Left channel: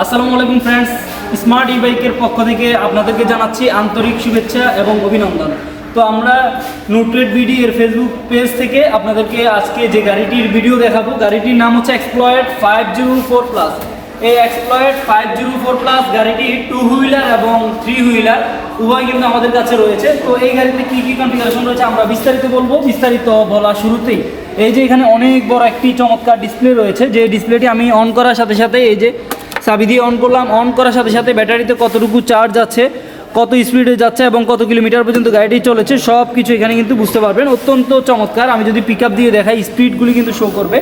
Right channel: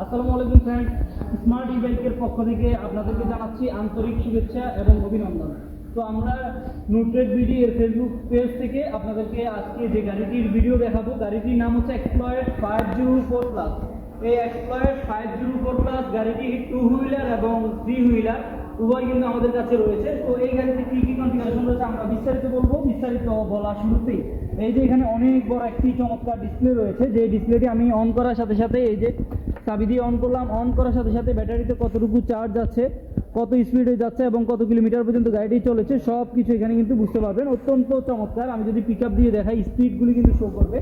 আসসালামু আলাইকুম friends, smart ই বাইকের পক্ষ থেকে আপনাদেরকে জানাচ্ছি আন্তরিক শুভেচ্ছা এবং অভিনন্দন। তো আমরা নোটরেড বিডি এর ফেসবুক পেজ থেকে আপনাদেরকে আজকে যে গাড়িটির ভিডিও দেখাবো, গাড়িটির নাম হচ্ছে এক্সপ্লয়েড 504 প্লাস। এই এক্সপ্লয়েড 504 প্লাস গাড়িটি 2 হুইলার এবং 3 হুইলার উভয় কিন্তু আমাদের কাছে রয়েছে। তো এই গাড়িতে কী কী কনফিগারেশন রয়েছে আমরা বিস্তারিত বলবো। বিস্তারিত বলা শুরুতেই এই যে এখানে অনেক বড় একটি চমৎকার ডিসপ্লে রয়েছে, যে ডিসপ্লেটি আমি অন করার সাথে সাথে এই যে চাবি দিয়ে অন করলাম, অন করার সাথে সাথে ব্যাটারিতে কতটুকু চার্জ আছে, কত স্পিডে যাচ্ছে এবং কত কিলোমিটার পর্যন্ত গাড়িটি চলেছে সব কিছু এখানে কিন্তু বুঝতে পারবেন। অত্যন্ত চমৎকার। আমি যদি পিক আপ দিয়ে দেখাই, স্পিডগুলি কিন্তু শো করবে,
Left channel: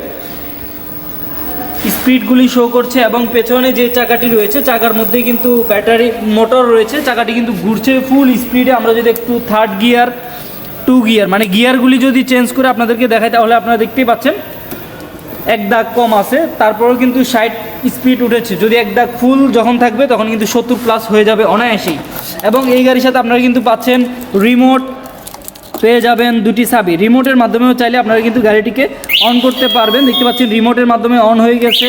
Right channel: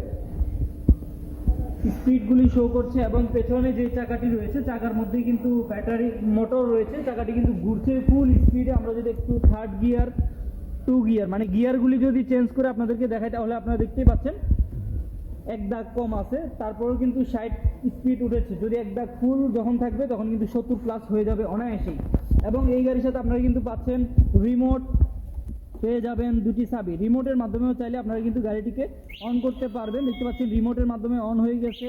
স্পিডগুলি শো করছে এবং পেছনে যে চাকাটি রয়েছে চাকার মধ্যেই কিন্তু ব্যাটারি মোটর রয়েছে, চাকাটি কিন্তু ঘুরছে ফুল স্পিডে। আমরা যদি একটু থার্ড গিয়ার, 2 গিয়ার মানে গিয়ারগুলি যদি চেঞ্জ করে আপনাদেরকে দেখাই তাহলে আপনারা দেখতেই পাচ্ছেন এক দাগ কম আছে, তারপরেও কিন্তু 60 স্পিড উঠেছে। যদি এক দাগ ফুল যখন থাকবে তখন কিন্তু 70 প্লাস হয়ে যাবে অনায়াসেই। এবং এই গাড়ির সাথে আপনারা কিন্তু পাচ্ছেন রিমোট, পেয়ে যাবেন 2টি চাবি। রিমোটের মাধ্যমেও চাইলে আপনারা কিন্তু গাড়িটিকে অন করতে পারবেন। দেখতে পাচ্ছেন রিমোটের মাধ্যমে অন হয়ে গেছে,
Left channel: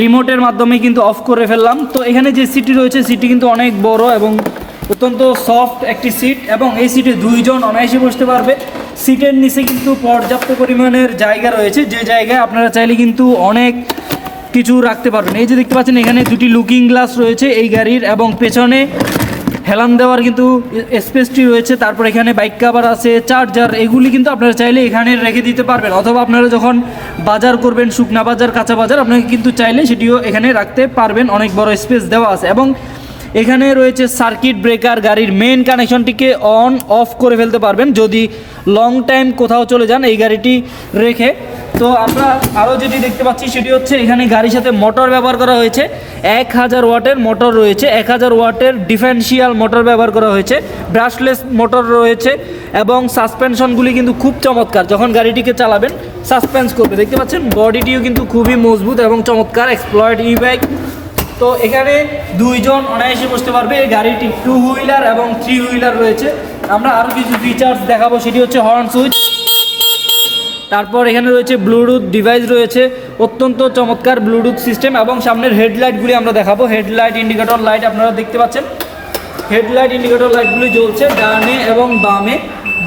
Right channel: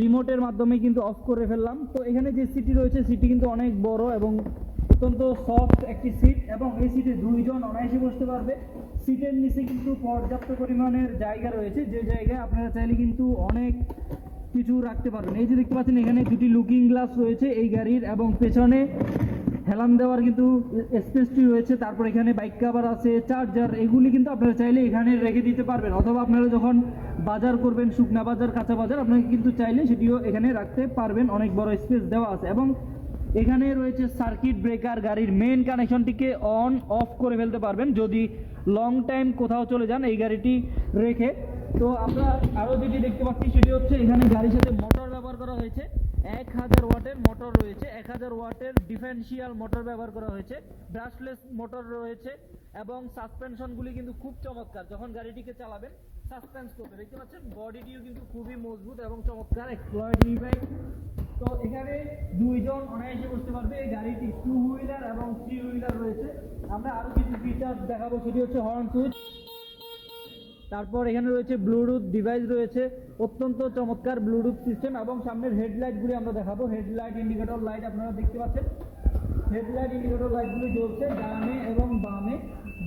রিমোটের মাধ্যমে কিন্তু অফ করে ফেললাম। তো এখানে যে সিটটি রয়েছে সিটটি কিন্তু অনেক বড় এবং অত্যন্ত সফট একটি সিট, এবং এই সিটে 2 জন অনায়াসে বসতে পারবে। সিটের নিচে কিন্তু পর্যাপ্ত পরিমাণের জায়গা রয়েছে, যে জায়গায় আপনারা চাইলে কিন্তু অনেক কিছু রাখতে পারবেন। এই যে দেখতে পাচ্ছেন এখানে 2টি লুকিং গ্লাস রয়েছে এই গাড়ির, এবং পেছনে হেলান দেওয়ার কিন্তু স্পেসটি রয়েছে। তারপর এখানে বাইক কভার আছে, চার্জার, এগুলি কিন্তু আপনারা চাইলে এখানে রেখে দিতে পারবেন, অথবা আপনারা যখন বাজার করবেন, শুকনা বাজার, কাঁচা বাজার, আপনাকে কিন্তু চাইলে সেটিও এখানে রাখতে পারবেন। অনেক বড় স্পেস দেওয়া আছে। এবং এখানে রয়েছে সার্কিট ব্রেকার, গাড়ির মেন কানেকশনটিকে অন অফ করে ফেলতে পারবেন যদি লং টাইম কোথাও চলে যান এই গাড়িটি রেখে। তো আমরা আরও যেটি দেখতে পাচ্ছি সেটি হচ্ছে এখানে গাড়ির সাথে মোটর ব্যবহার করা হয়েছে, 1000 ওয়াটের মোটর রয়েছে, 1000 ওয়াটের ডিফারেন্সিয়াল মোটর ব্যবহার করা হয়েছে, ব্রাশলেস মোটর রয়েছে, এবং সাসপেনশনগুলি কিন্তু খুব চমৎকার। যখন গাড়িটিকে চালাবেন সাসপেন্স করবে, দেখতে পাচ্ছেন বডিটিও কিন্তু খুবই মজবুত এবং চমৎকার এক্সপ্লয়েড ই বাইক। তো এখানে 2 জন অনায়াসে বসতে পারবে। এই গাড়িটি 2 হুইলার এবং 3 হুইলার রয়েছে। আমরা আরও কিছু ফিচার্স দেখাবো, সেটি হচ্ছে হর্ন সুইচ, তারপর এখানে রয়েছে ব্লুটুথ ডিভাইস রয়েছে, অত্যন্ত চমৎকার ব্লুটুথ সিস্টেম। এবং সামনের হেডলাইটগুলি আমরা দেখাবো। হেডলাইট, ইন্ডিকেটর লাইট আপনারা দেখতে পাচ্ছেন, হেডলাইট ইন্ডিকেটর লাইটগুলি জ্বলছে ডানে এবং বামে,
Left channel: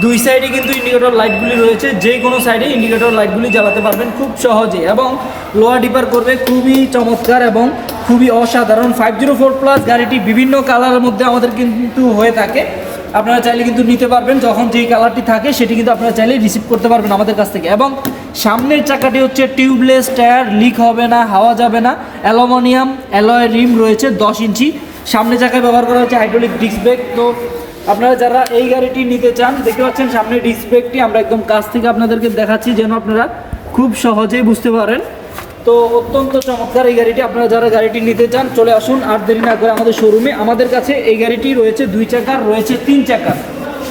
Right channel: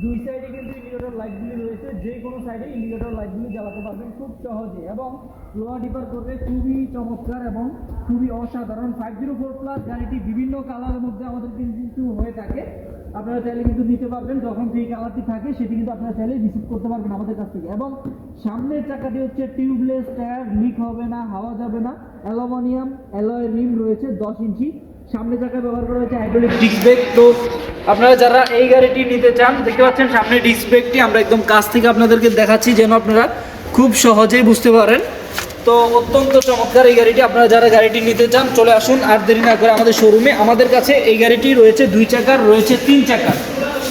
2 সাইডে কিন্তু ইন্ডিকেটর লাইটগুলি রয়েছে। যে কোনো সাইডে ইন্ডিকেটর লাইটগুলি জ্বালাতে পারবেন খুব সহজে, এবং লোয়ার ডিপার করবে খুবই চমৎকার এবং খুবই অসাধারণ। 504 প্লাস গাড়িটি বিভিন্ন কালারের মধ্যে আমাদের কিন্তু হয়ে থাকে, আপনারা চাইলে কিন্তু নিতে পারবেন। যখন যেই কালারটি থাকে সেটি কিন্তু আপনারা চাইলে রিসিভ করতে পারবেন আমাদের কাছ থেকে। এবং সামনের চাকাটি হচ্ছে টিউবলেস টায়ার, লিক হবে না, হাওয়া যাবে না, অ্যালুমিনিয়াম অ্যালয় রিম রয়েছে 10 ইঞ্চি। সামনের চাকায় ব্যবহার করা হচ্ছে হাইড্রোলিক ডিস্ক ব্রেক। তো আপনারা যারা এই গাড়িটি নিতে চান, দেখতে পাচ্ছেন সামনে ডিস্ক ব্রেকটি আমরা একদম কাছ থেকে আপনাদেরকে দেখাচ্ছি যেন আপনারা খুব সহজেই বুঝতে পারেন। তো অত্যন্ত চমৎকার এই গাড়িটি। আপনারা যারা গাড়িটি নিতে চান চলে আসুন আর দেরি না করে আমাদের শোরুমে। আমাদের কাছে এই গাড়িটি রয়েছে 2 চাকার, রয়েছে 3 চাকার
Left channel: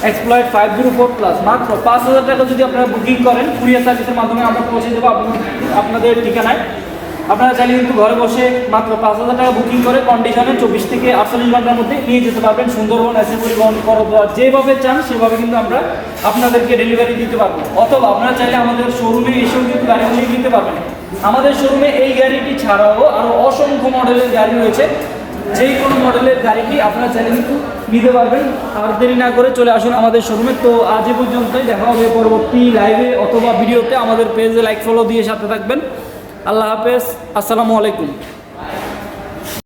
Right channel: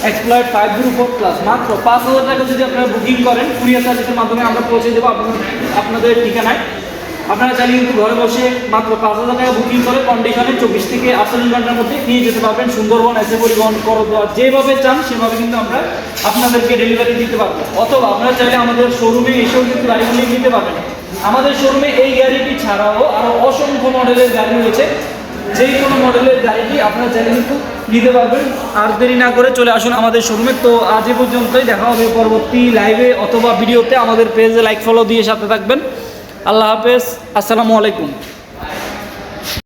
এক্সপ্লয়েড 504 প্লাস। মাত্র 5000 টাকা যদি আপনারা বুকিং করেন, কুরিয়ার সার্ভিসের মাধ্যমে আমরা পৌঁছে দেবো আপনাদের ঠিকানায়। আপনারা চাইলে কিন্তু ঘরে বসে মাত্র 5000 টাকা বুকিং করে কন্ডিশনে 24 থেকে 48 ঘন্টার মধ্যে নিয়ে যেতে পারবেন। সুন্দরবন, এসে পরিবহন, করদোয়া, যেভাবে চান সেভাবে কিন্তু আমরা আপনাদেরকে ডেলিভারি দিতে পারবো। অথবা আপনারা চাইলে আমাদের শোরুমে এসেও কিন্তু গাড়িগুলি নিতে পারবেন। আমাদের শোরুমে এই গাড়িটি ছাড়াও আরও অসংখ্য মডেলের গাড়ি রয়েছে, যে কোনো মডেলের গাড়িটি আপনারা চাইলে কিন্তু নিতে পারবেন। আর দেরি না করে চলে আসুন আমাদের শোরুমে। তো আজ এ পর্যন্তই, দেখা হবে পরবর্তী লাইভে অথবা ভিডিওতে। আমাদের পেজে লাইক ফলো দিয়ে সাথে থাকবেন। আল্লাহ হাফেজ, আসসালামু আলাইকুম।